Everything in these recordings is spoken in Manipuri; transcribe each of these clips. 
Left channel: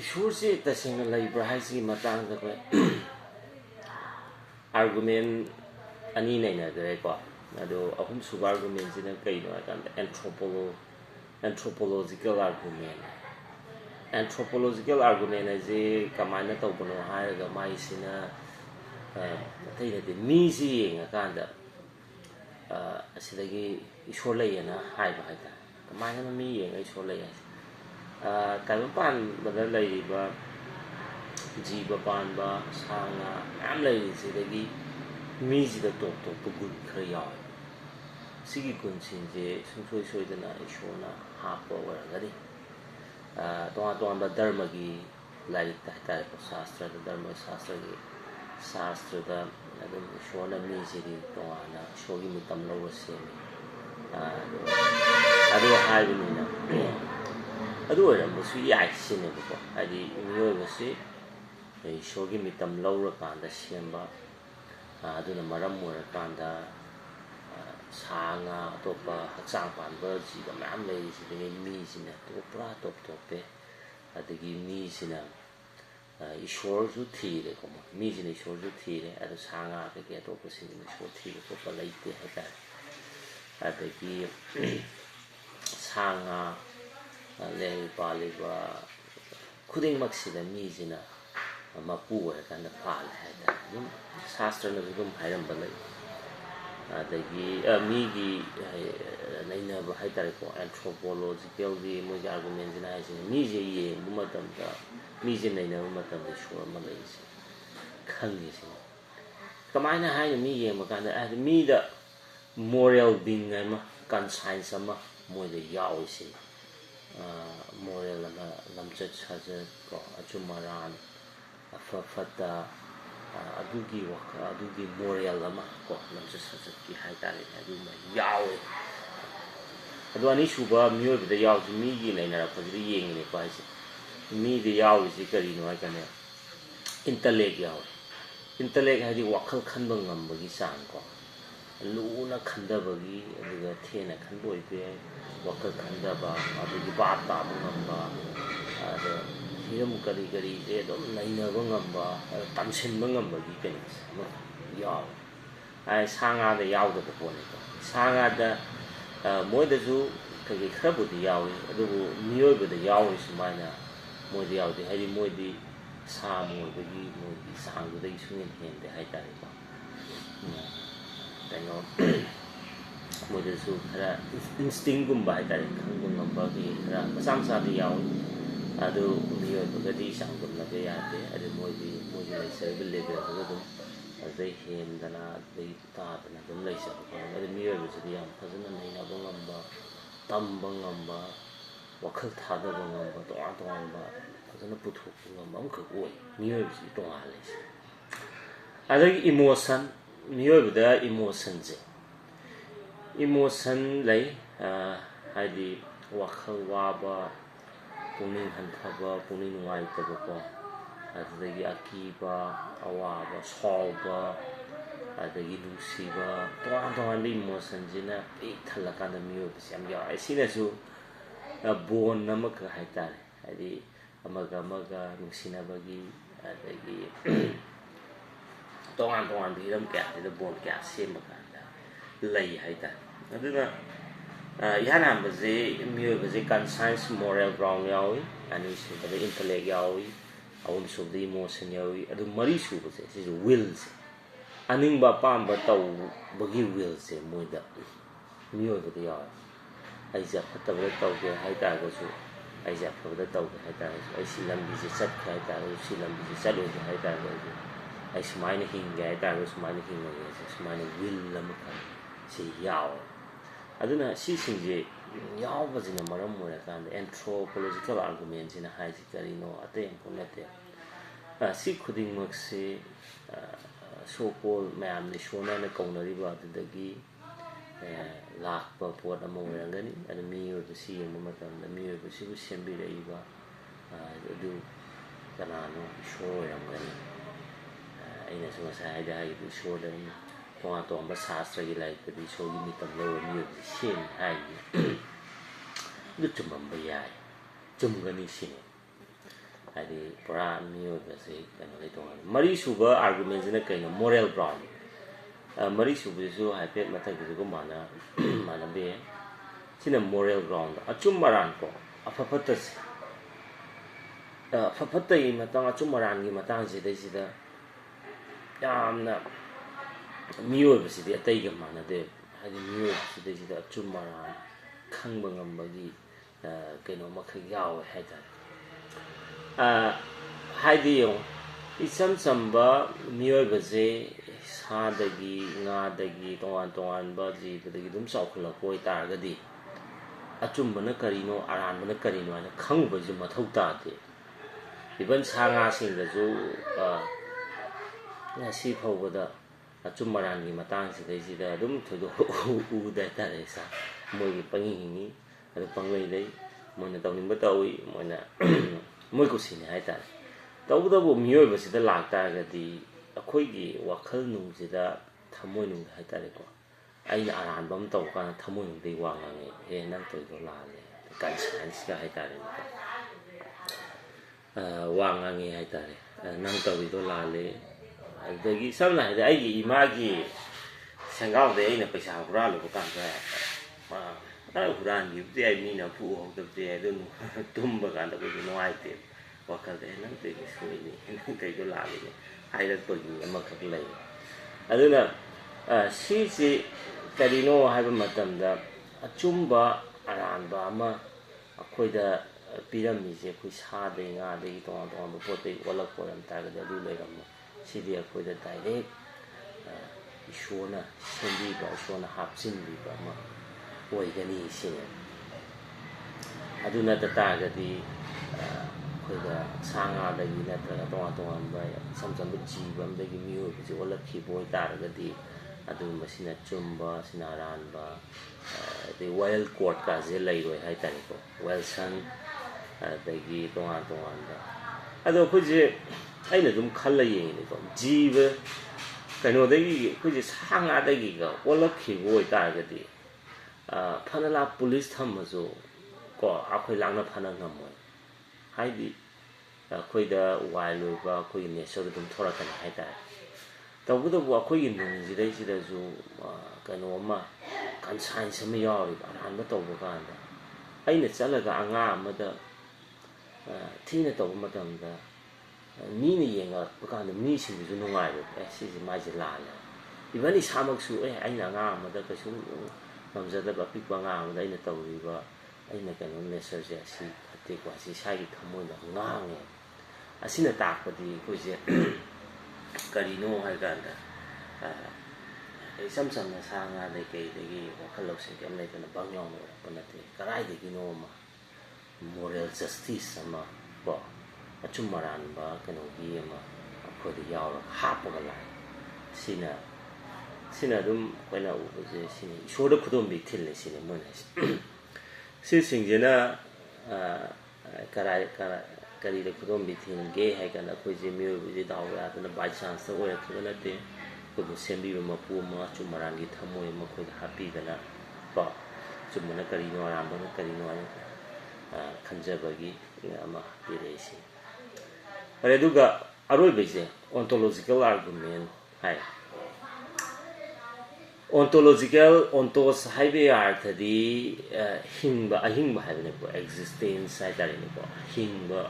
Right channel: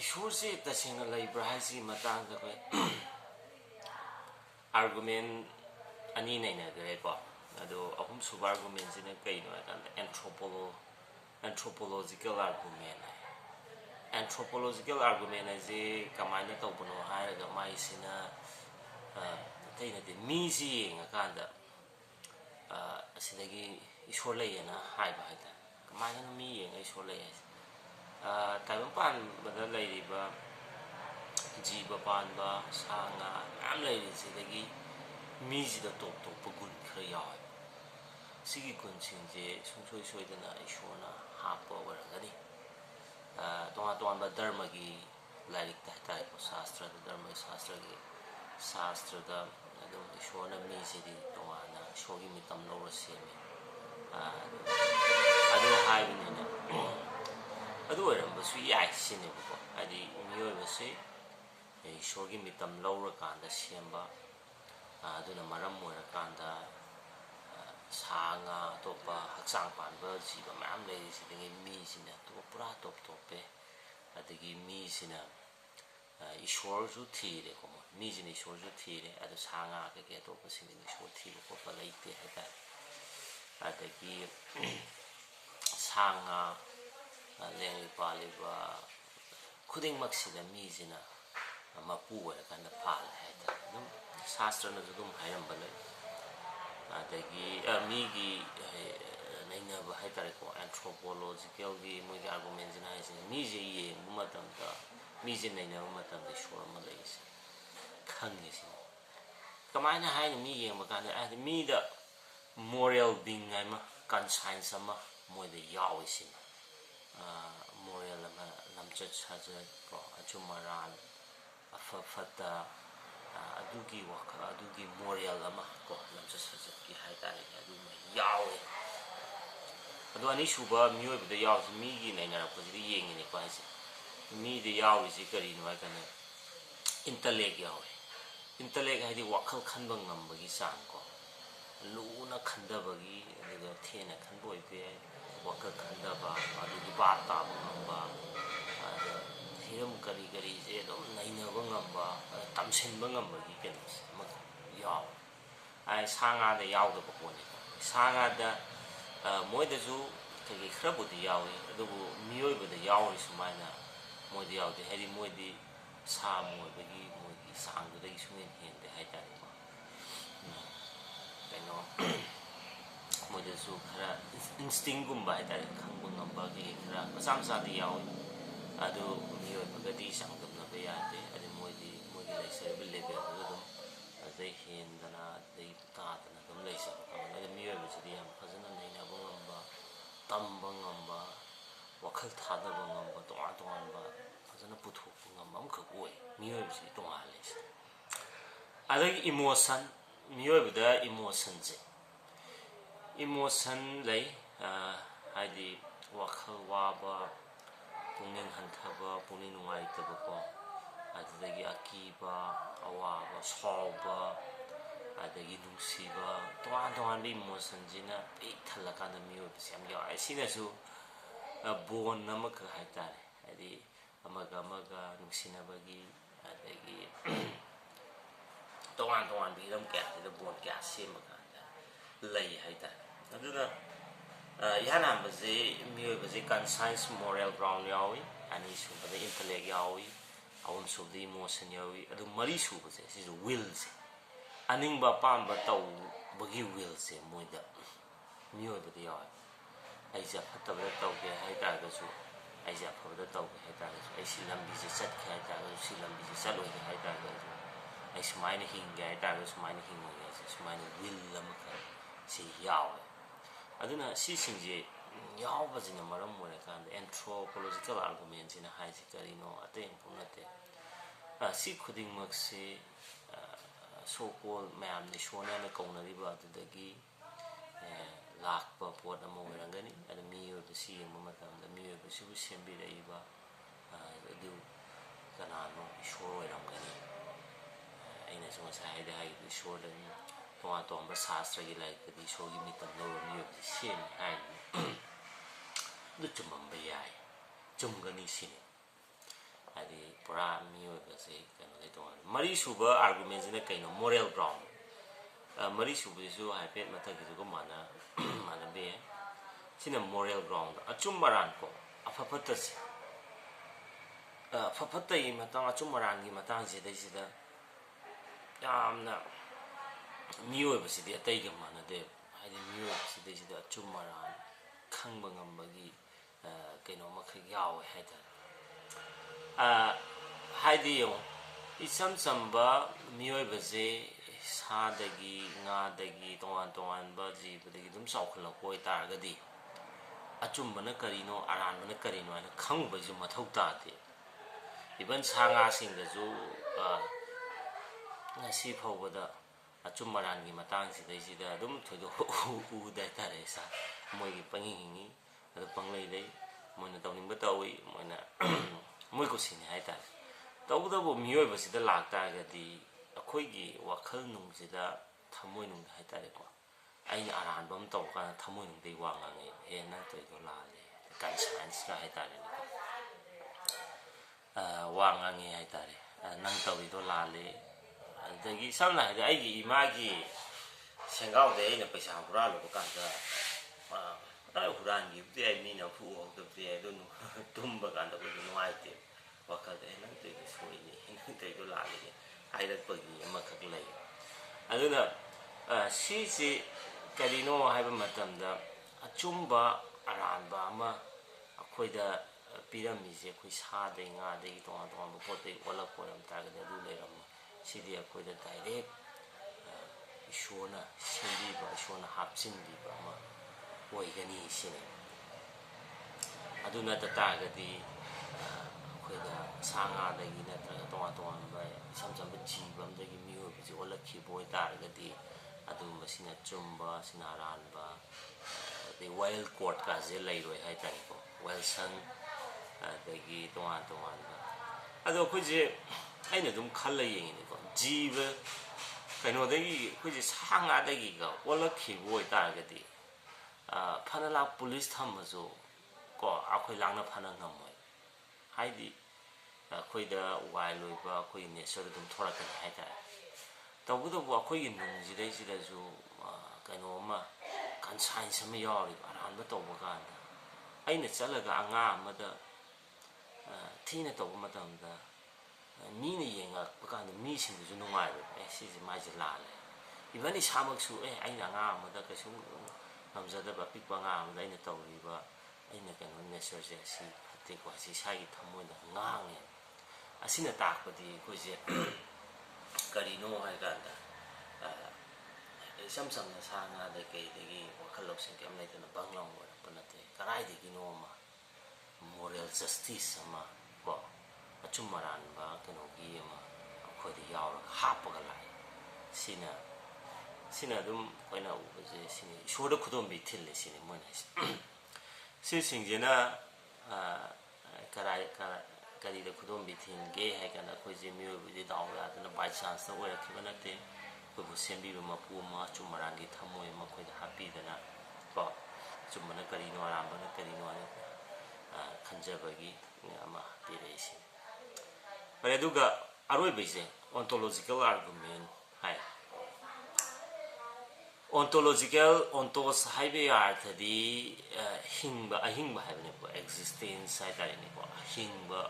ꯏꯁꯣꯔꯁꯦ ꯇꯁꯦꯡꯅ ꯂꯩꯕ꯭ꯔꯥ ꯍꯥꯏꯁꯤꯒꯤ ꯃꯇꯥꯡꯗ ꯑꯩꯈꯣꯏ ꯑꯥꯔꯒꯨꯃꯦꯟ ꯑꯅꯤ ꯅꯩꯅꯈ꯭ꯔꯦꯀꯣ ꯑꯗꯣ ꯑꯍꯨꯝꯁꯨꯕ ꯑꯥꯔꯒꯨꯃꯦꯟꯁꯤꯅ ꯀꯩꯅꯣ ꯍꯥꯏꯀꯥꯟꯗ ꯑꯦꯟꯊ꯭ꯔꯣꯄꯣꯂꯣꯖꯤꯀꯦꯜ ꯑꯥꯔꯒꯨꯃꯦꯟ ꯑꯦꯟꯊ꯭ꯔꯣꯄꯣꯂꯣꯖꯤꯀꯦल ꯑꯥꯔꯒꯨꯃꯦꯟ ꯍꯥꯏꯁꯦ ꯀꯃꯥꯏꯅ ꯇꯧꯕꯅꯣ ꯍꯥꯏꯔꯒ ꯃꯥꯏꯁꯤꯅ ꯑꯇꯩ ꯅꯠꯇꯦ ꯃꯤꯁꯤ ꯌꯦꯡꯉꯀꯥꯟꯗ ꯑꯁꯤꯗꯒꯤ ꯏꯁꯣꯔ ꯂꯩꯌꯦꯅ ꯍꯥꯏꯕ ꯍꯥꯏꯇꯥꯔꯦ ꯀꯃꯥꯏꯅ ꯃꯤ ꯌꯦꯡꯉ ꯏꯁꯣꯔ ꯂꯩ ꯍꯥꯏꯁꯦ ꯇꯥꯏꯕꯪꯄꯥꯟꯕꯗ ꯂꯩꯔꯤꯕ ꯖꯤꯕ ꯄꯥꯟꯕ ꯁꯥ ꯉꯥ ꯃꯌꯥꯝ ꯂꯩꯔꯤꯁꯤꯗꯒꯤ ꯃꯤꯁꯤꯗ ꯇꯣꯞ ꯇꯣꯞꯄ ꯒꯨꯟ ꯈꯔ ꯌꯥꯎꯋꯦ ꯁꯤꯒꯤ ꯒꯨꯟꯁꯤꯡꯁꯦ ꯁꯨꯡꯁꯣꯏ ꯁꯣꯏꯗꯅ ꯏꯁꯣꯔꯅ ꯍꯥꯞꯄ ꯑꯣꯏꯔꯝꯒꯅꯤ ꯇꯣꯉꯥꯟ ꯇꯣꯉꯥꯟꯕ ꯙꯔꯃꯒꯤ ꯂꯥꯏꯔꯤꯛꯇ ꯍꯥꯏꯇꯥꯔꯦꯀꯣ ꯁꯥꯁꯇ꯭ꯔꯗ ꯙꯔꯃ ꯁꯥꯁꯇ꯭ꯔꯗ ꯑꯗꯨꯝ ꯏꯁꯣꯔꯅ ꯃꯤꯁꯤꯗꯤ ꯇꯣꯉꯥꯟꯅ ꯏꯁꯣꯔꯒꯤ ꯃꯤꯇꯝ ꯂꯧꯔ ꯁꯦꯝꯃꯤ ꯑꯗꯨ ꯍꯥꯏꯕꯅꯤꯅ ꯑꯗꯨ ꯑꯣꯏꯔꯝꯕꯁꯨ ꯌꯥꯏ ꯁꯤꯅꯦꯕꯀꯣ ꯍꯥꯏꯗꯤ ꯃꯤꯑꯣꯏꯕꯁꯤ ꯏꯁꯣꯔꯒꯤ ꯃꯤꯇꯝ ꯂꯧꯔꯀꯥꯟꯗ ꯁꯦꯝꯕ ꯑꯗꯨꯅ ꯃꯔꯝ ꯑꯣꯏꯔꯀꯥꯟꯗ ꯁꯥ ꯉꯥ ꯑꯇꯣꯞꯄ ꯍꯛꯆꯥꯡ ꯄꯥꯟꯕ ꯖꯤꯕ ꯃꯌꯥꯝ ꯂꯩꯔꯤꯁꯤꯗꯒꯤ ꯃꯤꯁꯤꯅ ꯄꯨꯔꯥ ꯇꯣꯞ ꯇꯣꯞꯄꯦ ꯑꯗꯒꯤ ꯃꯤꯁꯤꯅ ꯏꯁꯣꯔꯁꯨ ꯊꯤꯔꯦꯀꯣ ꯃꯤꯁꯤꯅ ꯏꯁꯣꯔꯁꯨ ꯊꯤꯔꯦ ꯑꯗꯣ ꯁꯥ ꯉꯥ ꯀꯩꯀꯩ ꯑꯇꯣꯞꯄꯁꯤꯡꯅ ꯏꯁꯣꯔ ꯊꯤꯕ ꯈꯣꯠꯄ ꯂꯩꯇꯦ ꯍꯥꯏꯇꯥꯔꯦ ꯑꯗꯒꯤ ꯁꯥ ꯉꯥ ꯂꯩꯔꯤꯕ ꯄꯥꯜꯂꯤꯕ ꯈꯨꯗꯤꯡꯃꯛꯁꯤꯗ ꯃꯤꯁꯤꯅ ꯃꯄꯨ ꯑꯣꯏꯔꯀꯥꯟꯗ ꯄꯥꯜꯂꯦ ꯍꯥꯏꯇꯥꯔꯦ ꯑꯗꯨꯝ ꯁꯥꯁꯇ꯭ꯔꯅꯁꯨ ꯑꯗꯨꯝ ꯍꯥꯏꯔꯝꯕ ꯂꯩ ꯑꯗꯒꯤ ꯃꯤꯒꯤ ꯅꯩꯅꯕ ꯍꯥꯏꯇꯥꯔꯦꯀꯣ ꯑꯦꯟꯊ꯭ꯔꯣꯄꯣꯂꯣꯖꯤꯀꯦꯜꯒꯤ ꯃꯣꯏꯒꯤ ꯑꯥꯔꯒꯨꯃꯦꯟꯁꯤꯅ ꯍꯥꯏꯁꯤꯅ ꯃꯤꯁꯦ ꯌꯦꯡꯕ ꯃꯇꯝꯗ ꯃꯤꯁꯦ ꯅꯩꯅꯕ ꯃꯇꯝꯗ ꯏꯁꯣꯔ ꯑꯃ ꯂꯩꯔꯤꯁꯦ ꯈꯪꯉꯤꯁꯤꯅꯤ ꯀꯃꯥꯏꯅ ꯍꯥꯏꯅ ꯃꯤ ꯌꯦꯡꯕ ꯀꯥꯟꯗ ꯍꯥꯏꯗꯤ ꯃꯤꯗ ꯃꯣꯔꯦꯜ ꯕꯤꯡ ꯑꯃ ꯀꯟꯁꯥꯏꯟꯁ ꯑꯃ ꯃꯣꯏꯗ ꯌꯥꯎꯏꯁꯤꯅꯤ ꯃꯣꯔꯦꯜ ꯑꯃ ꯂꯝꯆꯠ ꯁꯥꯖꯠ ꯀꯣ ꯑꯆꯨꯝ ꯑꯔꯥꯟ ꯑꯐ ꯐꯠꯇ ꯑꯗꯨꯒꯤ ꯋꯥꯈꯜ ꯑꯗꯨꯒꯤ ꯃꯣꯔꯦꯜ ꯑꯃ ꯀꯣ ꯂꯝꯆꯠ ꯁꯥꯖꯠꯀꯤ ꯍꯥꯏꯇꯥꯔꯦꯅꯦ ꯑꯗꯨꯃ ꯌꯥꯎꯋꯦ ꯑꯗꯣ ꯑꯅꯤꯁꯨꯕ ꯃꯤꯑꯣꯏꯕꯗ ꯌꯥꯎꯔꯤꯁꯤ ꯃꯤꯒꯤ ꯅꯩꯅꯔꯛꯄꯁꯤꯗ ꯌꯦꯡꯉꯤꯅꯦꯀꯣ ꯍꯥꯏꯁꯦ ꯃꯤꯗ ꯌꯥꯎꯔꯤꯁꯤ ꯀꯔꯤꯅꯣ ꯍꯥꯏꯀꯥꯟꯗ ꯏꯟꯇꯂꯦꯛ ꯌꯥꯎꯋꯦ ꯏꯟꯇꯂꯦꯛ ꯍꯥꯏꯗꯤ ꯋꯥꯈꯜ ꯈꯟꯕ ꯉꯝꯕꯒꯤ ꯆꯥꯡ ꯀꯣ ꯂꯨꯅ ꯈꯟꯊꯕꯒꯤ ꯑꯗꯨꯒ ꯊꯦꯅ ꯈꯟꯕ ꯑꯣꯏꯗꯦ ꯋꯥꯈꯜ ꯈꯟꯊꯕ ꯑꯗꯒꯤ ꯚꯥꯞ ꯇꯥꯕ ꯉꯝꯕ ꯑꯗ ꯍꯤꯔꯝ ꯀꯔꯤ ꯀꯔꯤꯁꯦ ꯑꯗꯨꯝ ꯅꯩꯅꯕ ꯉꯝꯕ ꯇꯝꯁꯤꯟꯕ ꯉꯝꯕꯒꯤ ꯀꯩꯅꯣꯁꯦ ꯑꯃꯈꯛ ꯌꯥꯎꯋꯦ ꯁꯥ ꯉꯥꯗ ꯌꯥꯎꯗꯕ ꯄꯣꯠꯅꯤꯀꯣ ꯁꯥ ꯉꯥꯗ ꯃꯣꯏꯗꯁꯨ ꯀꯩꯀꯩ ꯈꯔꯕꯨꯗꯤ ꯌꯥꯎꯏ ꯑꯗꯨꯕꯨ ꯃꯤꯑꯣꯏꯕꯗ ꯌꯥꯎꯔꯤ ꯁꯨꯃꯥꯏꯅ ꯃꯣꯏꯗ ꯌꯥꯎꯗꯦ ꯍꯥꯏꯗꯤ ꯃꯣꯏꯗꯤ ꯁꯥ ꯑꯃ ꯑꯣꯏꯕꯒꯤ ꯃꯣꯏꯒꯤ ꯆꯥꯡꯗꯨꯗꯒꯤ ꯁꯨꯡꯍꯦꯟ ꯍꯦꯟꯗꯦ ꯍꯥꯏꯇꯥꯔꯦꯀꯣ ꯀꯩꯅꯣ ꯃꯣꯏꯗꯁꯨ ꯈꯔ ꯏꯟꯁꯇꯤꯡꯒꯨꯝꯕ ꯍꯥꯏꯇꯥꯔꯦ ꯈꯪꯕ ꯉꯝꯕ ꯀꯩꯀꯩ ꯈꯔ ꯃꯆꯥ ꯃꯆꯥꯗꯤ ꯌꯥꯎꯏ ꯑꯗꯨ ꯃꯤꯑꯣꯏꯕꯒꯗꯤ ꯆꯥꯡꯗꯝꯅꯕ ꯌꯥꯗꯦ ꯑꯗꯨ ꯃꯣꯏꯒꯤ ꯂꯩꯖꯔꯤꯕ ꯂꯦꯚꯦꯜꯗꯨꯒ ꯑꯗꯨꯝ ꯑꯗꯨꯗꯩ ꯍꯦꯟꯗꯅ ꯑꯗꯨꯗꯩ ꯇꯥꯗꯅ ꯑꯗꯨꯝ ꯂꯩꯖꯕ ꯈꯣꯠꯅꯕ ꯑꯗꯨ ꯃꯤꯑꯣꯏꯕꯁꯤꯗꯤ ꯌꯥꯝ ꯐꯖꯅ ꯅꯩꯅꯕ ꯉꯝꯕ ꯇꯝꯕ ꯉꯝꯕ ꯋꯥꯈꯜ ꯊꯥꯗꯕ ꯉꯝꯕ ꯇꯣꯉꯥꯟ ꯇꯣꯉꯥꯟꯕ ꯐꯖꯅ ꯄꯨꯊꯣꯛꯄ ꯉꯝꯕ ꯑꯃꯈꯛ ꯑꯣꯏ ꯃꯤꯑꯣꯏꯕꯁꯤꯗꯤ ꯇꯣꯉꯥꯜꯂꯤꯁꯦ ꯑꯗꯒꯤ ꯏꯃꯣꯁꯟ ꯃꯤꯑꯣꯏꯕꯗ ꯏꯃꯣꯁꯟ ꯂꯩ ꯍꯥꯏꯗꯤ ꯋꯥꯈꯜ ꯋꯥꯕ ꯄꯨꯛꯅꯤꯡ ꯍꯟꯊꯕ ꯄꯨꯛꯅꯤꯡ ꯅꯨꯡꯉꯥꯏꯇꯕꯀꯣ ꯑꯗꯨꯗꯒꯤ ꯑꯀꯤꯕ ꯑꯋꯥꯕ ꯁꯥꯎꯕ ꯑꯗꯒꯤ ꯅꯨꯡꯁꯤꯕ ꯇꯣꯉꯥꯟ ꯇꯣꯉꯥꯟꯕ ꯏꯃꯣꯁꯟꯁꯤꯅ ꯄꯤꯛ ꯊꯜꯂꯀꯥꯟꯗ ꯃꯤꯑꯣꯏꯕꯁꯤ ꯌꯥꯝ ꯌꯥꯎꯋꯦ ꯁꯤꯅꯁꯨ ꯕꯣꯟ ꯑꯃꯈꯛ ꯍꯥꯏꯇꯥꯔꯦ ꯍꯥꯏꯗꯤ ꯑꯃꯒ ꯑꯃꯒ ꯅꯨꯡꯁꯤꯅꯕꯒꯤ ꯑꯗꯒꯤ ꯇꯣꯉꯥꯟ ꯇꯣꯉꯥꯟꯕ ꯍꯤꯔꯝ ꯀꯌꯥꯁꯤꯗ ꯕꯣꯟ ꯀꯌꯥ ꯁꯦꯝꯕ ꯀꯥꯟꯗ ꯂꯩ ꯍꯥꯏꯇꯥꯔꯦ ꯑꯗꯨꯅ ꯏꯍꯥꯟ ꯍꯥꯟꯕꯁꯦ ꯃꯤꯑꯣꯏꯕꯁꯦ ꯀꯟꯁꯥꯏꯟꯁ ꯃꯣꯔꯦꯜ ꯒ꯭ꯔꯥꯎꯟ ꯌꯥꯎꯏ ꯑꯅꯤꯁꯨꯕꯗ ꯏꯟꯇꯂꯦꯛ ꯌꯥꯎꯏ ꯑꯍꯨꯝꯁꯨꯕꯗ ꯏꯃꯣꯁꯟ ꯌꯥꯎꯏ ꯑꯗꯨ ꯃꯔꯤꯁꯨꯕꯁꯦ ꯁꯤꯁꯨ ꯋꯤꯜꯁꯦ ꯑꯅꯤꯡꯕ ꯑꯄꯥꯝꯕ ꯇꯧꯕꯒꯤ ꯋꯤꯜꯁꯦ ꯃꯣꯏꯗ ꯃꯤꯑꯣꯏꯕꯗ ꯌꯥꯎꯋꯦ ꯑꯩꯁꯦ ꯑꯐꯠꯇꯕꯗ ꯇꯧꯒꯦ ꯍꯥꯏꯇꯥꯔꯒꯁꯨ ꯑꯩꯁꯦ ꯑꯐꯕꯗ ꯇꯧꯒꯦ ꯍꯥꯏꯇꯥꯔꯒꯁꯨ ꯑꯩ ꯁꯤ ꯂꯝꯕꯤꯁꯦ ꯆꯠꯀꯦ ꯍꯥꯏꯇꯥꯔꯒꯁꯨ ꯁꯤ ꯂꯝꯕꯤꯁꯦ ꯆꯠꯂꯣꯏꯒꯦ ꯍꯥꯏꯇꯥꯔꯒꯁꯨ ꯑꯩ ꯁꯨꯃꯥꯏꯅ ꯍꯤꯡꯒꯦ ꯍꯥꯏꯇꯥꯔꯒꯁꯨ ꯁꯨꯃꯥꯏꯅ ꯍꯤꯡꯉꯣꯏꯒꯦ ꯍꯥꯏꯁꯦ ꯁꯨꯃꯥꯏꯅ ꯋꯤꯜ ꯑꯃꯈꯛ ꯁꯤ ꯌꯥꯎꯋꯦ ꯑꯗꯨꯅ ꯁꯤꯁꯤꯡꯁꯦ ꯌꯥꯎꯕꯁꯤꯅ ꯃꯔꯝ ꯑꯣꯏꯔꯀꯥꯟꯗ ꯑꯦꯟꯊ꯭ꯔꯣꯄꯣꯂꯣꯖꯤꯀꯦꯜ ꯑꯥꯔꯒꯨꯃꯦꯟꯁꯤꯅ ꯍꯥꯏꯁꯤ ꯀꯔꯤꯅꯣ ꯑꯇꯩ ꯑꯃꯐꯥꯎ ꯅꯠꯇꯦ ꯁꯤ ꯈꯨꯗꯤꯡꯃꯛꯁꯤ ꯁꯣ ꯀꯣꯜ ꯃꯌꯥꯝꯅ ꯏꯁꯣꯔꯅ ꯀꯧꯅꯔꯤꯕ ꯑꯗꯨꯗꯒꯤ ꯂꯥꯛꯄ ꯄꯣꯠ ꯑꯃ ꯑꯣꯏꯔꯝꯒꯅꯤ ꯑꯗꯨ ꯃꯤꯑꯣꯏꯕꯁꯤ ꯌꯦꯡꯕ ꯃꯇꯝꯗ ꯃꯤꯑꯣꯏꯕꯁꯤꯕꯨ ꯁꯦꯝꯕꯤꯔꯛꯏꯕ ꯑꯗꯨ ꯀꯅꯥꯅꯣ ꯏꯁꯣꯔ ꯑꯣꯏꯔꯝꯒꯅꯤ ꯑꯩꯅꯁꯨ ꯉꯁꯥꯏ ꯍꯥꯏꯈꯤꯕ ꯏꯁꯣꯔꯗ ꯇꯣꯉꯥꯟ ꯇꯣꯉꯥꯟꯕ ꯁꯥꯁꯇ꯭ꯔꯒꯤ ꯂꯥꯏꯔꯤꯛꯇꯗꯤ ꯏꯁꯣꯔꯒꯤ ꯃꯤꯇꯝ ꯂꯧꯔꯒ ꯃꯤꯑꯣꯏꯕꯁꯤ ꯁꯦꯝꯃꯤ ꯍꯥꯏꯔꯤ ꯑꯗꯨ ꯆꯨꯝꯃꯝꯕ ꯌꯥꯏ ꯆꯨꯝꯒꯅꯤ ꯁꯤꯅꯤ ꯍꯥꯏꯗꯤ ꯄꯨꯔꯥ ꯃꯤꯑꯣꯏꯕꯁꯦ ꯀꯩꯅꯣ ꯂꯩꯇꯣꯡꯉꯥꯟꯕ ꯃꯔꯤꯁꯨꯕ ꯑꯥꯔꯒꯨꯃꯦꯟꯁꯤꯅ ꯀꯩꯅꯣ ꯃꯣꯔꯦꯜ ꯒ꯭ꯔꯥꯎꯟ ꯃꯔꯤꯁꯨꯕꯁꯤꯁꯨ ꯍꯥꯏꯐꯦꯠ ꯃꯊꯛꯀꯤꯁꯤꯒ ꯃꯥꯟꯅꯕ ꯌꯥꯏ ꯁꯤꯅ ꯃꯣꯔꯦꯜ ꯒ꯭ꯔꯥꯎꯟꯗ ꯑꯆꯨꯝ ꯑꯔꯥꯟꯀꯣ ꯑꯐ ꯐꯠꯇꯁꯦ ꯑꯐ ꯐꯠꯇꯒꯤ ꯃꯇꯥꯡ ꯑꯆꯨꯝ ꯑꯔꯥꯟꯒꯤ ꯃꯇꯥꯡꯁꯤꯗꯩꯁꯤꯗ ꯌꯥꯝꯅ ꯃꯤꯑꯣꯏꯕꯁꯤꯗꯤ ꯑꯇꯩꯒ ꯃꯥꯟꯅꯗꯦꯕ ꯍꯥꯏꯗꯤ ꯃꯤꯑꯣꯏꯕꯁꯤꯗꯩꯁꯤꯗ ꯑꯆꯨꯝ ꯑꯔꯥꯟ ꯈꯪꯕ ꯉꯝꯕꯒꯤ ꯀꯩꯅꯣꯃꯈꯛ ꯌꯥꯎꯋꯦ ꯍꯥꯏꯇꯥꯔꯦ ꯍꯥꯏꯗꯤ ꯌꯦꯡꯉꯨ ꯏꯆꯝ ꯆꯝꯕ ꯃꯤꯑꯣꯏꯕꯁꯦ ꯁꯥꯗꯒꯤ ꯉꯥꯗꯒꯤ ꯇꯣꯉꯥꯟ ꯇꯣꯉꯥꯟꯕ ꯖꯤꯕꯗꯒꯤ ꯑꯗꯨꯝ ꯆꯥꯎꯈꯠꯂꯛꯄ ꯑꯣꯏꯇꯥꯔꯒꯗꯤ ꯑꯆꯨꯝꯕꯅ ꯀꯔꯤꯅꯣ ꯑꯔꯥꯟꯕꯅ ꯀꯔꯤꯅꯣ ꯍꯥꯏꯅ ꯈꯪꯉꯨꯕꯩꯁꯨ ꯃꯊꯧ ꯇꯥꯗꯦ ꯏꯚꯟ ꯁꯥ ꯉꯥꯁꯤꯡꯗꯁꯨ ꯉꯁꯤ ꯐꯥꯎꯕꯗ ꯑꯆꯨꯝ ꯑꯔꯥꯟꯒꯤ ꯃꯇꯥꯡꯁꯤꯗꯩꯁꯤꯗ ꯑꯗꯨꯝ ꯊꯣꯏꯗꯣꯛ ꯎꯗ ꯍꯥꯏꯇꯥꯔꯦ ꯃꯣꯏꯒꯤ ꯄꯪꯍꯤꯡ ꯍꯤꯡꯉꯤ ꯑꯗꯨ ꯄꯪꯂꯩ ꯂꯩ ꯃꯣꯏꯅ ꯇꯧꯅꯤꯡꯕ ꯇꯧꯏ ꯃꯣꯏꯅ ꯃꯣꯏ ꯀꯨꯁꯤꯅꯤ ꯍꯥꯏꯇꯥꯔꯦ ꯇꯧꯕꯇꯕꯨ ꯃꯤꯑꯣꯏꯕꯁꯤꯗ ꯂꯥꯛꯇꯥꯔꯒꯗꯤ ꯑꯩꯈꯣꯏꯒꯤ ꯋꯥꯈꯜꯅꯨꯡꯁꯤꯗ ꯊꯃꯣꯏꯅꯨꯡꯗ ꯍꯥꯏꯇꯥꯔꯦꯀꯣ ꯑꯩꯅ ꯑꯔꯥꯟꯕ ꯑꯃ ꯇꯧꯕ ꯀꯥꯟꯗ ꯊꯃꯣꯏꯅꯨꯡꯗꯩ ꯋꯥ ꯉꯥꯡꯉꯦ ꯅꯪ ꯇꯧꯔꯤꯗꯣ ꯂꯥꯜꯂꯦ ꯀꯟꯁꯥꯏꯟꯁꯀ ꯍꯥꯏꯇꯥꯔꯦꯀꯣ ꯋꯥ ꯉꯥꯡꯉꯦ ꯍꯥꯏꯇꯥꯔꯦ ꯅꯪ ꯇꯧꯔꯤꯗꯣ ꯂꯥꯜꯂꯦ ꯑꯗꯨꯗꯒꯤ ꯁꯝꯅ ꯍꯥꯏꯔꯕꯗ ꯑꯩꯒꯤ ꯏꯃꯥꯒꯤ ꯁꯦꯡꯒꯥꯎꯗꯩ ꯑꯩꯅ ꯄꯩꯁꯥ ꯍꯨꯔꯥꯜꯂꯨꯕ ꯀꯥꯟꯗ ꯍꯨꯔꯥꯟꯈꯤꯕꯗꯤ ꯌꯥꯏ ꯃꯤꯅ ꯐꯨꯍꯧꯗꯕꯗꯤ ꯌꯥꯏ ꯑꯗꯨ ꯇꯨꯝꯕ ꯀꯥꯟꯗ ꯑꯩꯈꯣꯏꯁꯨ ꯅꯨꯡꯉꯥꯏꯇꯦ ꯋꯥꯈꯜꯗ ꯅꯪ ꯇꯧꯔꯤꯗꯣ ꯁꯣꯏꯅꯤ ꯅꯪ ꯇꯧꯔꯤꯗꯣ ꯂꯥꯜꯂꯤꯅꯤ ꯍꯥꯏꯔꯛꯄꯒꯤ ꯑꯃꯈꯛ ꯂꯩ ꯑꯗꯨꯅ ꯁꯤꯁꯤ ꯀꯔꯤꯅꯣ ꯍꯥꯏꯕ ꯃꯇꯝꯗ ꯑꯆꯨꯝꯕ ꯑꯔꯥꯟꯕ ꯑꯃ ꯑꯩꯈꯣꯏꯗ ꯄꯤꯔꯝꯃꯤꯁꯦ ꯑꯩꯈꯣই ꯁꯥꯗꯒꯤ ꯉꯥꯗꯒꯤ ꯇꯣꯉꯥꯟ ꯇꯣꯉꯥꯟꯕ ꯄꯣꯠꯇꯒꯤ ꯑꯣꯜꯂꯛꯄ ꯑꯣꯏꯔꯝ ꯇꯥꯔꯒꯗꯤ ꯑꯗꯨ ꯂꯩꯔꯝꯃꯣꯏ ꯁꯤꯗꯤ ꯑꯩꯈꯣꯏꯗ ꯗꯥꯏꯔꯦꯛ ꯏꯁꯣꯔꯅ ꯁꯦꯝꯕꯤꯕ ꯏꯁꯣꯔꯅ ꯍꯥꯞꯆꯤꯟꯕꯤꯕ ꯑꯃ ꯑꯣꯏꯒꯅꯤ ꯁꯤꯅꯤ ꯑꯗꯨ ꯅꯠꯇ ꯇꯥꯔꯒꯗꯤ ꯑꯩꯈꯣꯏꯗ ꯁꯥ ꯉꯥꯗꯒꯤ ꯅꯠꯇ꯭ꯔꯒ ꯇꯣꯉꯥꯟ ꯇꯣꯉꯥꯟꯕ ꯏꯆꯝ ꯆꯝꯕ ꯖꯤꯕ ꯑꯃꯗꯒꯤ ꯃꯤꯑꯣꯏꯕꯁꯤ ꯑꯣꯜꯂꯛꯈꯤꯕ ꯑꯣꯏꯇꯥꯔꯒꯗꯤ ꯑꯗꯨꯒꯨꯝꯕꯁꯤꯅ ꯆꯨꯝꯕ ꯁꯤꯅ ꯑꯔꯥꯟꯕ ꯑꯗꯩ ꯋꯥꯏꯜ ꯀꯣꯔꯠꯀꯥꯁꯦ ꯂꯩꯔꯣꯏ ꯍꯥꯏꯇꯥꯔꯦꯀꯣ ꯋꯦꯜꯁꯟ ꯑꯗꯒꯤ ꯇꯣꯉꯥꯟ ꯇꯣꯉꯥꯟꯕ ꯑꯗꯣ ꯑꯩꯈꯣꯏꯁꯦ ꯑꯩꯅ ꯑꯗꯨꯝ ꯈꯜꯂ ꯌꯦꯡꯉꯤꯅꯤꯀꯣ ꯖꯤꯕ ꯀꯩꯅꯣꯗꯒꯤ ꯑꯩꯈꯣꯏꯁꯦ ꯁꯥ ꯉꯥꯗꯒꯤꯒ ꯑꯣꯜꯂꯛꯈꯤꯕ ꯑꯣꯏꯇꯥꯔꯒꯗꯤ ꯐꯅ ꯂꯥꯛ ꯄꯨꯂꯤꯁ ꯊꯝꯃꯁꯨ ꯀꯣ ꯑꯩꯈꯣꯏ ꯂꯥꯛꯅ ꯐꯅ ꯉꯝꯃꯣꯏ ꯍꯥꯏꯗꯤ ꯑꯩꯈꯣꯏꯗ ꯋꯥꯏꯜ ꯑꯣꯏꯕ ꯑꯩꯈꯣꯏꯒꯤ ꯅꯦꯆꯔꯗ ꯑꯗꯨꯝ ꯊꯣꯔꯛꯀꯅꯤ ꯍꯥꯏꯇꯥꯔꯦ ꯇꯧꯕꯇꯕꯨ ꯑꯩꯈꯣꯏꯒꯤ ꯅꯨꯡꯁꯤꯗꯩꯁꯤꯗꯁꯨ ꯀꯩꯅꯣꯝꯃ ꯀꯟꯁꯥꯏꯟꯁ ꯑꯃ ꯌꯥꯎꯔꯤꯕ ꯑꯔꯥꯟꯕ ꯇꯧꯕ ꯀꯥꯟꯗ ꯑꯩꯅ ꯆꯠꯂꯒ ꯑꯉꯥꯡ ꯑꯃꯗ ꯊꯤꯅ ꯇꯧꯕ ꯃꯇꯝꯗ ꯃꯤꯅ ꯌꯦꯡꯉꯛꯄ ꯀꯥꯟꯗ ꯃꯤꯁꯤꯡꯗꯨꯁꯨ ꯅꯨꯡꯉꯥꯏꯕ ꯁꯤꯁꯦ ꯃꯥꯏꯁꯦ ꯂꯥꯜꯂꯦ ꯏꯚꯟ ꯏꯁꯥꯃꯛꯁꯨ ꯑꯩꯅ ꯑꯉꯥꯡ ꯑꯃꯗ ꯀꯩꯁꯨ ꯉꯝꯖꯗꯕ ꯑꯄꯤꯛꯄ ꯑꯉꯥꯡ ꯑꯃꯗ ꯑꯩꯅ ꯇꯧꯔꯤꯕ ꯑꯩꯅ ꯀꯩꯅꯣ ꯅꯦꯆꯔꯁꯦ ꯑꯁꯤ ꯐꯠꯇꯦꯀꯣ ꯑꯁꯤ ꯏꯁꯥꯒꯤ ꯊꯃꯣꯏꯗ ꯉꯥꯡꯉꯦ ꯑꯁꯤꯅ ꯇꯥꯛꯄꯗꯤ ꯑꯩꯈꯣꯏꯁꯦ ꯀꯔꯤꯅꯣ ꯍꯥꯏ ꯀꯥꯟꯗ ꯏꯆꯝ ꯆꯝꯅ ꯁꯥ ꯉꯥꯗꯒꯤ ꯀꯩꯗꯒꯤ ꯋꯥꯈꯜ ꯂꯧꯁꯤꯡ ꯀꯩꯝ ꯂꯩꯇꯅ ꯕꯪ ꯂꯥꯎꯅ ꯑꯣꯏꯔꯛꯄ ꯅꯠꯇꯦ ꯀꯗꯥꯏꯗꯒꯤꯅꯣ ꯑꯃ ꯃꯣꯔꯦꯜ ꯖꯁꯇꯤꯁ ꯑꯃ ꯀꯣ ꯑꯆꯨꯝ ꯑꯔꯥꯟꯕ ꯀꯩꯅꯣꯒꯤ ꯑꯃ ꯑꯩꯈꯣꯏꯗ ꯌꯥꯎꯔꯒ ꯍꯥꯞꯄꯒ ꯂꯥꯛꯑꯦ ꯁꯤꯅ ꯑꯗꯨꯝ ꯑꯩꯈꯣꯏꯅ ꯎꯕꯁꯦ ꯁꯤꯅꯤ ꯏꯁꯣꯔꯗ ꯈꯨꯗꯣꯝꯕꯤ ꯊꯤꯜꯂꯦ ꯁꯤꯅꯤ ꯃꯣꯏꯅ ꯍꯥꯏꯁꯦ ꯁꯤꯁꯤꯡꯁꯤꯅ ꯀꯔꯤꯗ ꯈꯨꯗꯣꯝꯕꯤ ꯊꯤꯟꯒꯦ ꯍꯥꯏ ꯀꯥꯟꯗ ꯑꯩꯈꯣꯏꯁꯦ ꯃꯤꯑꯣꯏꯕꯁꯦ ꯗꯥꯎ ꯌꯥꯗꯅ ꯕꯥꯏ ꯆꯥꯟꯁꯇ ꯑꯣꯏꯔꯛꯈꯤꯕ ꯅꯠꯇꯦ ꯑꯩꯈꯣꯏꯕꯨ ꯁꯦꯝꯕꯤꯕ ꯃꯄꯨ ꯑꯃ ꯑꯆꯨꯝ ꯑꯔꯥꯟꯒꯤ ꯊꯝꯃꯣꯏ ꯑꯃ ꯑꯩꯈꯣꯏꯗ ꯍꯥꯞꯄꯤꯗꯅ ꯀꯣ ꯑꯆꯨꯝꯕꯅ ꯀꯔꯤꯅꯣ ꯑꯔꯥꯟꯕꯅ ꯀꯔꯤꯅꯣ ꯍꯥꯏꯅ ꯈꯟꯖꯕꯒꯤ ꯑꯃ ꯄꯤꯔꯛꯏꯁꯤ ꯐꯔꯦ ꯑꯗꯨꯒ ꯑꯔꯣꯏꯕꯩꯁꯦ ꯑꯣꯟꯇꯣꯂꯣꯖꯤꯀꯦꯜ ꯑꯥꯔꯒꯨꯃꯦꯟ ꯍꯥꯏ ꯑꯣꯟꯇꯣꯂꯣꯖꯤꯀꯦꯜ ꯑꯣꯟꯇꯣꯁ ꯍꯥꯏꯕꯒꯤ ꯑꯥꯔꯊꯗꯤ ꯍꯤꯡꯕ ꯑꯍꯤꯡꯕ ꯍꯥꯏꯕꯅꯦꯀꯣ ꯑꯦꯛꯖꯤꯁꯇꯦꯟꯁ ꯍꯥꯏꯇꯥꯔꯦꯅꯦꯀꯣ ꯍꯤꯡꯕ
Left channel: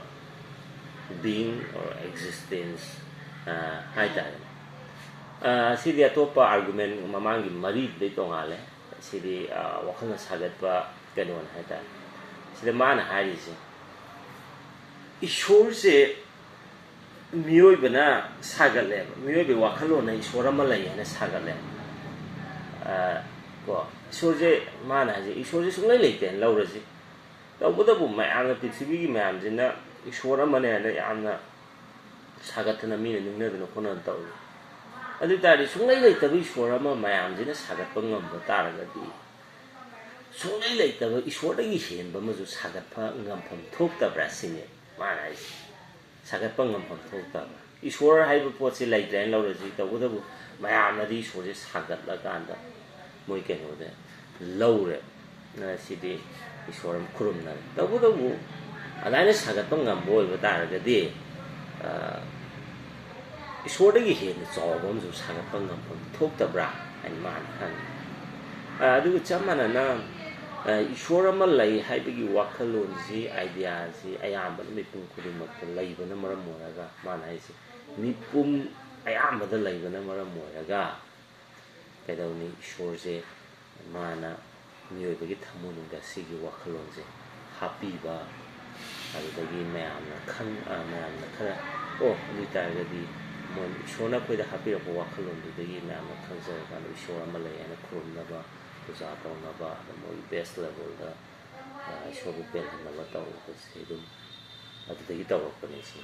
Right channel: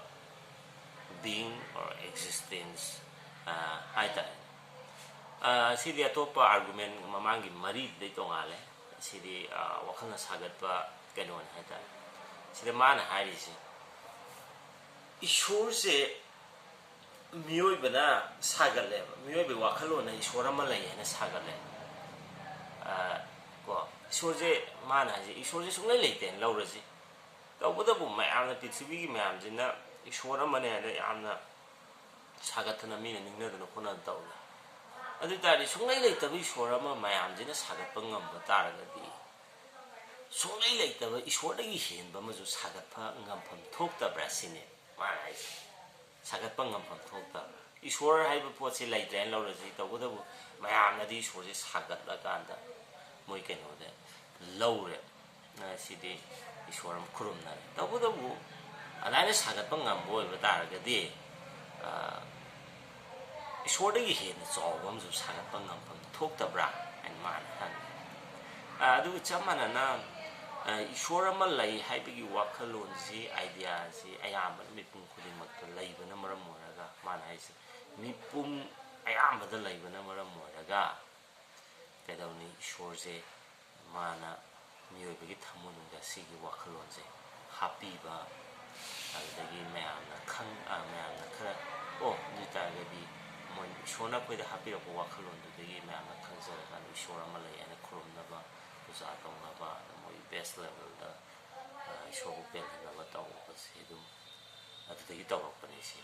ꯕꯤꯡ ꯑꯣꯔ ꯑꯦꯛꯖꯤꯁꯇꯦꯟꯁ ꯍꯥꯏꯇꯥꯔꯦꯅꯦ ꯁꯤꯗꯤ ꯑꯇꯣꯞꯄ ꯑꯥꯔꯒꯨꯃꯦꯟ ꯃꯃꯥꯡꯒꯤ ꯃꯔꯤꯗꯨꯗꯩ ꯇꯣꯡꯉꯥꯜꯂꯦ ꯁꯤꯗꯤ ꯋꯥꯈꯜꯅ ꯁꯥꯒꯠꯄ ꯀꯩꯅꯣꯅꯤ ꯍꯥꯏꯇꯥꯔꯦ ꯁꯤꯗ ꯃꯥꯅ ꯍꯥꯏꯔꯤꯁꯦ ꯏꯁꯣꯔꯁꯦ ꯃꯤꯑꯣꯏꯕꯅ ꯁꯥꯒꯠꯂꯦꯕ ꯃꯤꯑꯣꯏꯕꯒꯤ ꯋꯥꯈꯜꯂꯣꯟꯅ ꯏꯁꯣꯔ ꯑꯃ ꯂꯩ ꯍꯥꯏꯅ ꯁꯥꯒꯠꯂꯦ ꯀꯣ ꯏꯁꯣꯔꯁꯦ ꯃꯥꯅ ꯍꯥꯏꯁꯦ ꯏꯁꯣꯔꯁꯦ ꯁꯨꯡꯂꯩ ꯂꯩꯇꯦꯅ ꯂꯧꯔꯁꯤ ꯇꯧꯕꯇꯕꯨ ꯃꯌꯥꯝꯅ ꯄ꯭ꯔꯤꯊꯤꯕꯤꯒꯤ ꯃꯌꯥꯝꯁꯤꯅ ꯏꯁꯣꯔ ꯑꯃꯅꯦ ꯍꯥꯏꯅ ꯌꯥꯝꯅ ꯁꯥꯒꯠꯇꯅ ꯃꯤꯅ ꯅꯤꯡꯅꯗꯅ ꯈꯣꯠꯅꯗꯅ ꯇꯧꯔꯤ ꯑꯗꯨ ꯑꯣꯏꯇꯥꯔꯗꯤ ꯁꯨꯡꯂꯩ ꯂꯩꯇꯕ ꯏꯁꯣꯔ ꯑꯃ ꯃꯌꯥꯝꯁꯤꯅ ꯁꯥꯒꯠꯄ ꯉꯝꯕ ꯇꯥꯔꯒꯗꯤ ꯁꯨꯡꯂꯩ ꯂꯩꯇꯕ ꯏꯁꯣꯔꯗꯒꯤ ꯍꯦꯟꯕ ꯑꯃꯁꯨ ꯁꯥꯒꯠꯄ ꯉꯝꯐꯝ ꯊꯣꯛꯇꯕ꯭ꯔꯥ ꯁꯤꯅꯦ ꯃꯥꯅ ꯍꯥꯏꯁꯦ ꯁꯥꯒꯠꯄ ꯉꯝꯐꯝ ꯊꯣꯛꯇꯕ꯭ꯔꯥ ꯏꯁꯣꯔ ꯍꯥꯏꯕ ꯄꯣꯠꯁꯤ ꯂꯩꯇ꯭ꯔꯦꯅ ꯂꯧꯔꯁꯤ ꯇꯧꯕꯇꯕꯨ ꯃꯌꯥꯝꯅꯗꯤ ꯏꯁꯣꯔꯁꯦ ꯁꯥꯒꯠꯂꯀꯥꯟꯗ ꯃꯣꯏ ꯀꯩꯅꯣꯗ ꯂꯧꯔꯦ ꯁꯤꯗꯤ ꯏꯁꯣꯔ ꯑꯃ ꯈꯨꯔꯨꯝꯅꯔꯦ ꯇꯧꯕꯇꯕꯨ ꯑꯗꯨꯃꯥꯏꯅ ꯁꯥꯒꯠꯄ ꯉꯝꯕ ꯑꯣꯏꯕ ꯇꯥꯔꯒꯗꯤ ꯏꯁꯣꯔꯗꯒꯤ ꯍꯦꯟꯅ ꯆꯥꯎꯕ ꯑꯃꯁꯨ ꯁꯥꯒꯠꯄ ꯉꯝꯐꯝ ꯊꯣꯛꯇꯕ꯭ꯔꯥ ꯍꯥꯏꯅ ꯃꯥꯅ ꯍꯪꯉꯤ ꯑꯗꯨꯒ ꯆꯞ ꯃꯥꯟꯅꯅ ꯏꯁꯣꯔ ꯑꯃ ꯂꯩ ꯍꯥꯏꯕꯒꯤ ꯋꯥꯈꯜꯂꯣꯟꯁꯤ ꯑꯥꯏꯗꯤꯌꯥꯁꯤ ꯑꯌꯥꯝꯕꯅ ꯃꯤꯄꯨꯝ ꯈꯨꯗꯤꯡꯃꯛꯇ ꯂꯩꯕꯅ ꯃꯔꯝ ꯑꯣꯏꯔꯒ ꯃꯥꯅ ꯍꯥꯏꯁꯦ ꯃꯤꯄꯨꯝ ꯑꯌꯥꯝꯕꯗ ꯂꯩꯕꯅ ꯃꯔꯝ ꯑꯣꯏꯔꯒ ꯀꯩꯗꯧꯅꯤ ꯏꯁꯣꯔꯁꯦ ꯃꯥꯅ ꯃꯤꯑꯣꯏꯕꯒꯤ ꯊꯃꯣꯏꯅꯨꯡꯗ ꯁꯤꯒꯤ ꯋꯥꯈꯜꯂꯣꯟꯁꯦ ꯍꯥꯞꯄꯤꯕ ꯑꯗꯨꯗꯒꯤ ꯃꯌꯥꯝꯅ ꯈꯔ ꯑꯗꯨ ꯑꯣꯏꯇꯥꯔꯒꯗꯤ ꯏꯁꯣꯔꯅ ꯑꯩꯈꯣꯏꯗ ꯍꯥꯞꯄꯤꯔꯛꯄ ꯋꯥꯈꯜꯂꯣꯟꯗꯨꯗꯒꯤ ꯃꯌꯥꯝꯅ ꯈꯪꯖꯔꯀꯥꯟꯗ ꯏꯁꯣꯔ ꯑꯃ ꯂꯩ ꯍꯥꯏꯅ ꯈꯨꯔꯨꯝꯅꯕ ꯄꯨꯖꯥ ꯇꯧꯅꯕ ꯑꯗ ꯃꯣꯏ ꯕꯦꯁ ꯂꯦꯚꯦꯜꯗ ꯏꯁꯣꯔꯕꯨ ꯄꯦꯜꯍꯟꯅꯕ ꯇꯧꯕꯁꯦ ꯑꯗꯨꯝ ꯑꯗꯨꯗꯒꯤ ꯇꯧꯔꯛꯄꯅꯤ ꯁꯤ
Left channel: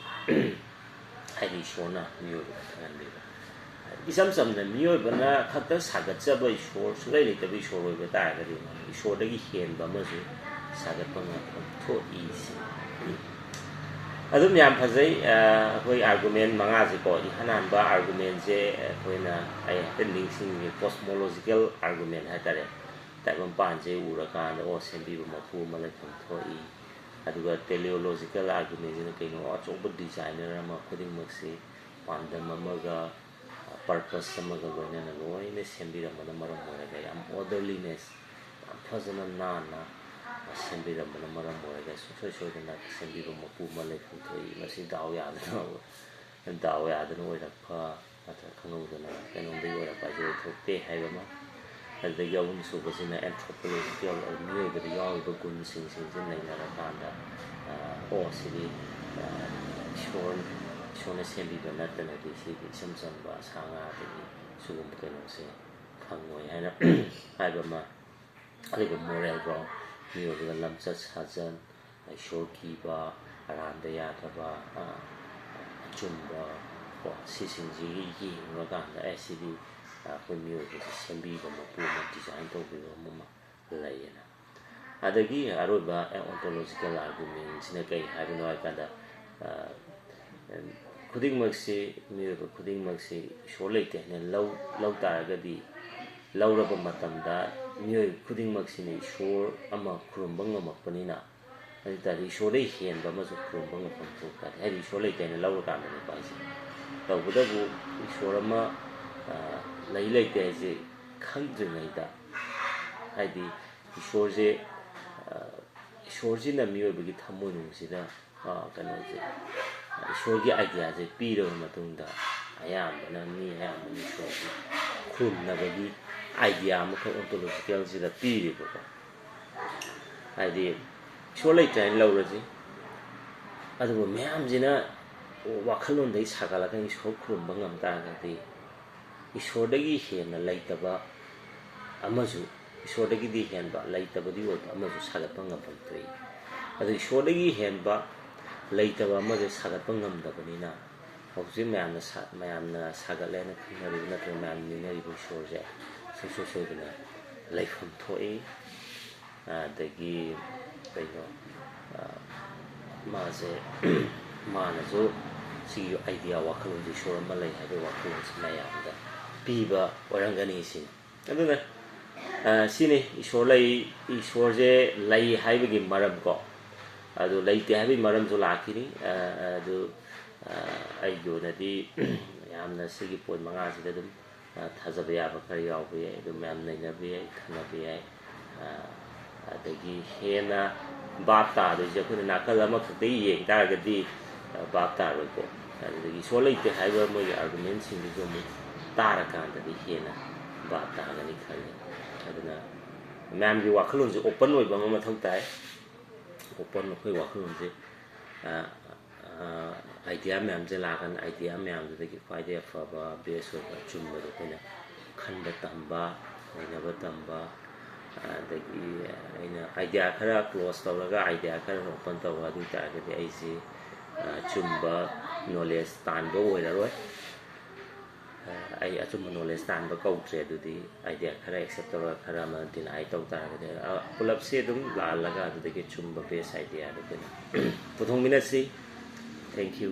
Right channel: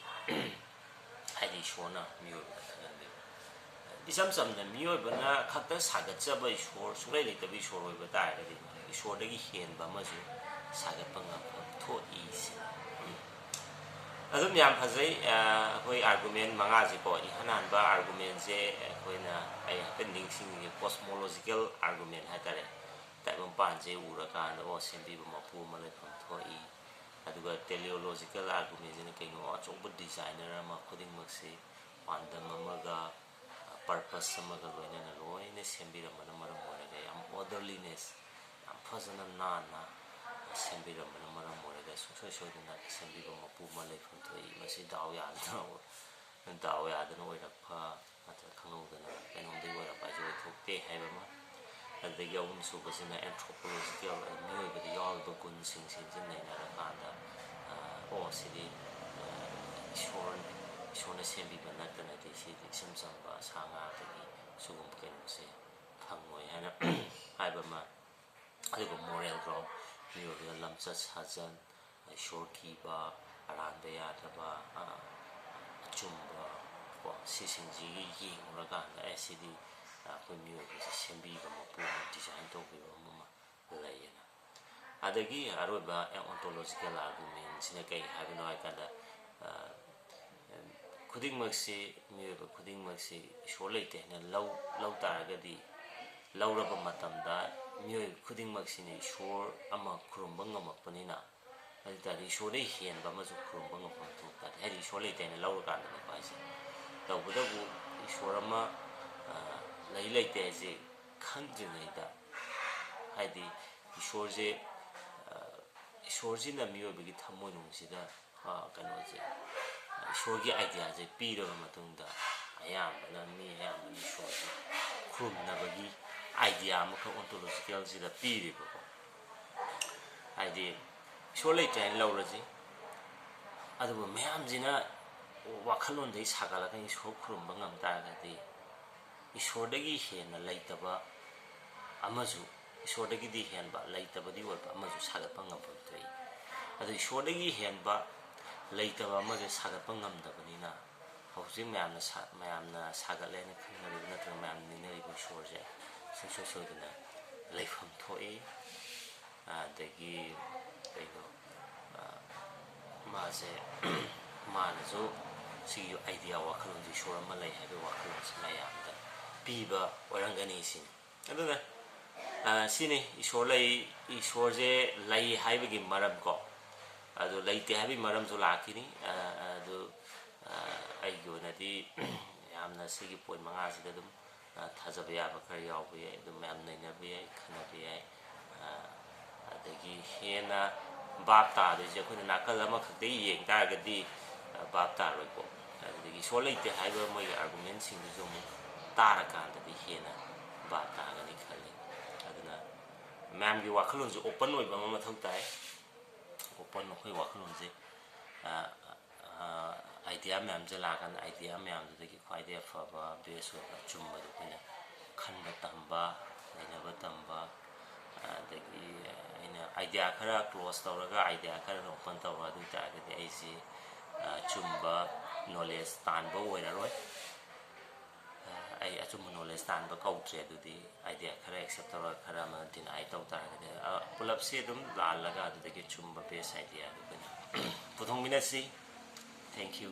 ꯍꯥꯏꯗꯤ ꯏꯁꯣꯔꯅ ꯃꯤꯑꯣꯏꯕꯗ ꯈꯪꯍꯟꯕꯤꯕ ꯏꯆꯝ ꯆꯝꯅ ꯃꯤꯑꯣꯏꯕꯅ ꯈꯛꯇ ꯁꯥꯒꯠꯆꯕ ꯏꯁꯣꯔ ꯁꯨꯡꯂꯩ ꯂꯩꯇꯕ ꯏꯁꯣꯔ ꯑꯣꯏꯕ ꯇꯥꯔꯒꯗꯤ ꯏꯁꯣꯔꯗꯒꯤ ꯍꯦꯟꯕ ꯑꯃꯁꯨ ꯁꯥꯒꯠꯄ ꯉꯝꯐꯝ ꯊꯣꯛꯏ ꯁꯤꯅꯤ ꯑꯗꯨꯝ ꯌꯥꯝ ꯐꯖꯩ ꯑꯩꯈꯣꯏ ꯑꯥꯔꯒꯨꯃꯦꯟ ꯃꯉꯥꯁꯦꯀꯣ ꯏꯍꯥꯟ ꯍꯥꯟꯕ ꯑꯥꯔꯒꯨꯃꯦꯟꯁꯦ ꯑꯩꯈꯣꯏꯅ ꯑꯩ ꯍꯦꯛꯇ ꯅꯤꯡꯁꯤꯡꯉꯤ ꯀꯣꯁꯃꯣꯂꯣꯖꯤꯀꯦꯜ ꯑꯥꯔꯒꯨꯃꯦꯟ ꯍꯥꯏꯇꯥꯔꯦ ꯇꯥꯏꯕꯪꯄꯥꯟꯁꯦ ꯎꯔꯀꯥꯟꯗ ꯁꯦꯝꯕꯤꯕ ꯃꯄꯨ ꯑꯃ ꯂꯩꯐꯝ ꯊꯣꯛꯏ ꯑꯗꯨꯒ ꯇꯦꯂꯤꯑꯣꯂꯣꯖꯤꯀꯦꯜ ꯑꯥꯔꯒꯨꯃꯦꯟꯁꯤꯅ ꯀꯩꯅꯣ ꯑꯆꯧꯕ ꯗꯤꯖꯥꯏꯅꯔ ꯑꯃ ꯈꯨꯗꯤꯡꯃꯛꯁꯤ ꯄꯥꯟꯗꯝ ꯑꯃꯒ ꯄꯔꯄꯁ ꯑꯃꯒ ꯂꯣꯏꯅꯅ ꯂꯣꯏꯅ ꯁꯦꯝꯕꯤꯔꯝꯕꯅ ꯃꯔꯝ ꯑꯣꯏꯔꯒ ꯌꯥꯝ ꯑꯣꯔꯗꯔꯂꯤꯅꯦꯁ ꯌꯥꯝ ꯐꯖꯅ ꯅꯥꯟꯅ ꯁꯦꯝꯕꯤꯔꯝꯕꯅ ꯃꯔꯝ ꯑꯣꯏꯔꯒ ꯁꯨꯡꯁꯣꯏ ꯁꯣꯏꯗꯅ ꯁꯦꯝꯕꯤꯕ ꯃꯄꯨ ꯑꯃ ꯂꯩꯐꯝ ꯊꯣꯛꯏ ꯃꯁꯤ ꯗꯥꯎ ꯌꯥꯗꯅ ꯑꯣꯏꯔꯛꯄ ꯅꯠꯇ꯭ꯔꯒ ꯈꯪꯍꯧꯗꯅ ꯀꯩꯅꯣꯝꯗꯒꯤ ꯑꯣꯏꯔꯛꯄ ꯍꯥꯏꯁꯦ ꯑꯣꯏꯊꯣꯛꯇꯦ ꯍꯥꯏꯕ ꯑꯃ ꯑꯗꯨꯗꯒꯤ ꯑꯍꯨꯝ ꯁꯨꯕꯁꯤꯅ ꯑꯦꯟꯊ꯭ꯔꯣꯄꯣꯂꯣꯖꯤꯀꯦꯜ ꯃꯤꯑꯣꯏꯕꯗ ꯌꯥꯎꯔꯤꯕ ꯒꯨꯟꯁꯤꯡꯁꯦ ꯅꯩꯅꯔꯀꯥꯟꯗ ꯁꯤꯗꯤ ꯏꯁꯣꯔꯅ ꯁꯦꯝꯕꯤꯕ ꯅꯠꯇꯅꯗꯤ ꯁꯤꯗꯤ ꯏꯆꯝ ꯆꯝꯕ ꯁꯥ ꯉꯥꯗꯒꯤ ꯁꯤꯒꯨꯝꯕ ꯀꯩꯅꯣꯁꯦ ꯐꯪꯉꯣꯏ ꯍꯥꯏꯅ ꯍꯥꯏꯕ ꯑꯃ ꯑꯗꯨꯒ ꯃꯣꯔꯦꯜ ꯒ꯭ꯔꯥꯎꯟ ꯃꯤꯑꯣꯏꯕꯗ ꯂꯝꯆꯠ ꯁꯥꯖꯟ ꯏꯁꯣꯔ ꯀꯤꯕ ꯑꯔꯥꯟꯕ ꯌꯥꯗꯕ ꯑꯆꯨꯝꯕ ꯀꯣ ꯁꯤꯁꯤꯡꯁꯤꯒꯤ ꯌꯦꯡꯉꯨꯔꯀꯥꯟꯗ ꯁꯤꯗꯤ ꯑꯩꯈꯣꯏ ꯃꯤꯑꯣꯏꯕꯁꯦ ꯁꯦꯝꯕꯤꯕ ꯃꯄꯨ ꯑꯃ ꯗꯤꯖꯥꯏꯟ ꯇꯧꯕꯤꯕ ꯑꯃ ꯂꯩꯌꯦꯅ ꯑꯗꯒꯤ ꯑꯔꯣꯏꯕ ꯑꯣꯟꯇꯣꯂꯣꯖꯤꯀꯦꯜ ꯑꯥꯔꯒꯨꯃꯦꯟꯁꯤꯅ ꯀꯩ ꯍꯥꯏꯕꯅꯣ ꯍꯥꯏꯀꯥꯟꯗ ꯈꯨꯗꯤꯡꯃꯛꯁꯤ ꯃꯤꯑꯣꯏꯕ ꯈꯨꯗꯤꯡꯃꯛꯁꯤ ꯏꯁꯣꯔ ꯂꯩꯇꯦ ꯍꯥꯏꯅ ꯂꯧ ꯇꯥꯔꯒꯗꯤ ꯂꯧꯔꯕ ꯃꯇꯝꯗ ꯃꯤꯑꯣꯏ ꯈꯨꯗꯤꯡꯃꯛꯁꯤꯅ ꯏꯁꯣꯔ ꯑꯃ ꯈꯨꯔꯨꯝꯕ ꯉꯝꯃꯛꯄꯅꯤꯅ ꯑꯗꯨ ꯇꯥꯔꯗꯤ ꯏꯁꯣꯔꯗꯒꯤ ꯍꯦꯟꯕ ꯑꯃꯁꯨ ꯈꯨꯔꯨꯝꯕ ꯉꯝꯐꯝ ꯊꯣꯛꯇꯥꯔꯗꯤ ꯍꯥꯏꯗꯤ ꯏꯁꯣꯔ ꯂꯩꯇꯦ ꯍꯥꯏꯅ ꯂꯧꯔꯀꯥꯟꯗꯅꯤꯀꯣ ꯍꯥꯏꯁꯦ ꯇꯧꯕꯇꯕꯨ ꯏꯁꯣꯔ ꯑꯃ ꯂꯩꯇꯦ ꯍꯥꯏꯁꯦ ꯈꯪꯗ꯭ꯔꯤꯉꯩꯗ ꯍꯥꯏꯗꯤ ꯏꯁꯣꯔꯁꯤꯅ ꯃꯤꯑꯣꯏꯕꯒꯤ ꯊꯃꯣꯏꯅꯨꯡꯁꯤꯗ ꯀꯩꯅꯣꯁꯦ ꯏꯁꯣꯔꯒꯤ ꯑꯥꯏꯗꯤꯌꯥꯁꯦ ꯄꯤꯔꯕ ꯃꯇꯨꯡꯗ ꯑꯌꯥꯝꯕꯅ ꯏꯁꯣꯔꯁꯤ ꯈꯨꯔꯨꯝꯅꯕꯒꯤ ꯑꯥꯏꯗꯤꯌꯥ ꯑꯃꯈꯛ ꯑꯣꯟꯇꯣꯂꯣꯖꯤꯀꯦꯜꯁꯤꯗ ꯄꯤꯔꯤꯕꯀꯣ ꯍꯥꯏꯗꯤ ꯏꯁꯣꯔ ꯂꯩꯇ꯭ꯔꯦ ꯍꯥꯏꯅ ꯂꯧꯔꯁꯤ ꯑꯗꯨꯕꯨ ꯃꯌꯥꯝꯁꯤꯅ ꯋꯥꯈꯜꯂꯣꯟꯗꯒꯤ ꯁꯥꯒꯠꯂꯒ ꯏꯁꯣꯔ ꯈꯨꯔꯨꯝꯕ ꯉꯝ ꯇꯥꯔꯒꯗꯤ ꯏꯁꯣꯔꯗꯒꯤ ꯍꯦꯟꯅ ꯂꯩꯇꯕ ꯑꯃꯁꯨ ꯏꯁꯣꯔꯗꯒꯤꯗꯤ ꯍꯦꯟꯕ ꯂꯩꯇꯕꯗꯤ ꯑꯣꯏꯕ ꯑꯃꯁꯨ ꯁꯥꯒꯠꯄ ꯉꯝꯐꯝ ꯊꯣꯛꯏ ꯑꯗꯨ ꯏꯁꯣꯔꯗꯒꯤ ꯍꯦꯟꯕ ꯂꯩꯇꯕ ꯑꯃꯁꯦ ꯁꯥꯒꯠꯄ ꯉꯝꯗꯕꯅꯤꯅ ꯍꯧꯖꯤꯛ ꯃꯌꯥꯝꯅ ꯁꯥꯒꯠꯂꯦꯅ ꯈꯪꯅꯔꯤꯕ ꯅꯠꯇ꯭ꯔꯒ ꯃꯌꯥꯝꯅ ꯅꯤꯡꯅꯔꯤꯕ ꯏꯁꯣꯔꯁꯦ ꯁꯨꯡꯁꯣꯏ ꯁꯣꯏꯗꯅ ꯂꯩꯐꯝ ꯊꯣꯛꯏ ꯑꯗꯒꯤ ꯀꯩꯅꯣ ꯃꯥꯅꯁꯨ ꯁꯤꯒꯤ ꯑꯥꯏꯗꯤꯌꯥ ꯋꯥꯈꯜꯂꯣꯟꯁꯤ ꯏꯁꯣꯔ ꯑꯃ ꯂꯩ ꯍꯥꯏꯕꯒꯤ ꯋꯥꯈꯜꯂꯣꯟꯁꯤ ꯃꯌꯥꯝꯗ ꯄꯤꯕ ꯑꯣꯏꯔꯝꯒꯅꯤ ꯁꯤꯅꯤ ꯑꯗꯨꯅ ꯁꯤꯅꯤ ꯏꯁꯣꯔꯁꯦꯂꯩ ꯍꯥꯏꯕꯒꯤ ꯃꯔꯝꯀꯣ ꯑꯗꯨ ꯂꯩꯇꯦ ꯍꯥꯏꯕꯒꯤ ꯃꯔꯝꯁꯨ ꯂꯥꯛꯈꯤꯅꯤ ꯑꯗꯨ ꯑꯩꯒꯤ ꯑꯣꯏꯅꯗꯤ ꯌꯥꯝꯅ ꯁꯤꯒꯤ ꯄꯣꯏꯟ ꯃꯉꯥꯁꯤꯗ ꯑꯗꯨꯝ ꯊꯥꯖꯕ ꯌꯥꯕ ꯈꯔ ꯌꯥꯎꯕ ꯌꯥꯏ ꯑꯗꯨꯝ ꯃꯌꯥꯝ ꯅꯩꯅꯕ ꯌꯥꯏ ꯈꯟꯅꯕ ꯌꯥꯏ ꯑꯗꯒꯤ ꯍꯦꯟꯅ ꯚꯥꯞ ꯇꯥꯗꯣꯏꯁꯦ ꯑꯩꯈꯣꯏꯅ ꯅꯥꯀꯜ ꯑꯃꯈꯛꯇ ꯌꯦꯡ ꯇꯥꯔꯒꯗꯤ ꯚꯥꯞ ꯇꯥꯔꯣꯏꯀꯣ ꯑꯗꯨꯗꯒꯤ ꯏꯁꯣꯔ ꯂꯩꯇꯦ ꯍꯥꯏꯕ ꯃꯣꯏꯒꯤ ꯑꯥꯔꯒꯨꯃꯦꯟꯁꯤꯡꯗꯨꯁꯨ ꯑꯃꯨꯛ ꯇꯥꯔꯀꯥꯟꯗꯗꯤ ꯍꯦꯟꯅ ꯚꯥꯞ ꯇꯥꯒꯅꯤ ꯈꯜꯂꯤ ꯑꯗꯨꯅ ꯃꯌꯥꯝꯒꯤ ꯋꯥꯈꯜꯂꯣꯟꯁꯦ ꯑꯣꯄꯟ ꯑꯣꯏꯕ ꯑꯃ ꯃꯊꯧ ꯇꯥꯏ ꯑꯩꯈꯣꯏ ꯋꯥꯈꯜꯂꯣꯟꯁꯦ ꯑꯥꯏꯗꯤꯌꯥ ꯃꯌꯥꯝꯁꯦ ꯂꯥꯛꯀꯥꯟꯗ ꯑꯥꯏꯗꯤꯌꯥ ꯃꯌꯥꯝꯗꯨꯗꯒꯤ ꯈ꯭ꯋꯥꯏꯗꯒꯤ ꯑꯐꯕ ꯕꯦꯁ ꯑꯣꯏꯕ ꯑꯆꯨꯝꯕꯗꯣ ꯑꯩꯈꯣꯏꯅ ꯈꯟꯕ ꯇꯝꯕ ꯅꯩꯅꯕ ꯇꯝꯕ ꯑꯗꯒꯤ ꯑꯩꯅ ꯑꯥꯏꯗꯤꯌꯥ ꯈꯔ ꯀ꯭ꯂꯣꯖ ꯇꯧꯔꯒ ꯑꯥꯏꯗꯤꯌꯥ ꯈꯔ ꯑꯣꯄꯟ ꯇꯧꯕ ꯑꯗꯨ ꯑꯣꯏꯇꯥꯔꯒꯗꯤ ꯑꯩꯁꯤ ꯑꯆꯨꯝꯕ ꯅꯣꯂꯦꯖ ꯇꯥꯟꯕ ꯑꯣꯏꯔꯔꯣꯏ ꯑꯩ ꯑꯆꯨꯝꯕ ꯅꯣꯂꯦꯖ ꯇꯥꯟꯕ ꯀꯧꯗ꯭ꯔꯦ ꯑꯗꯨꯗꯤ ꯑꯥꯏꯗꯤꯌꯥ ꯈꯔ ꯑꯦꯛꯁꯦꯞ ꯇꯧꯔꯒ ꯈꯔ ꯑꯃ ꯗꯤꯅꯥꯏ ꯇꯧ ꯇꯥꯔꯒꯗꯤ ꯄꯨꯂꯞꯁꯦ ꯑꯗꯨꯝ ꯂꯥꯜꯂꯒ ꯑꯗꯨꯗꯒꯤ ꯆꯨꯝꯕ ꯕꯦꯁ ꯑꯥꯏꯗꯤꯌꯥꯗꯨ ꯑꯩꯈꯣꯏꯅ ꯄꯨꯊꯣꯛꯃꯤꯟꯅꯁꯤ ꯊꯦꯡꯛ ꯌꯨ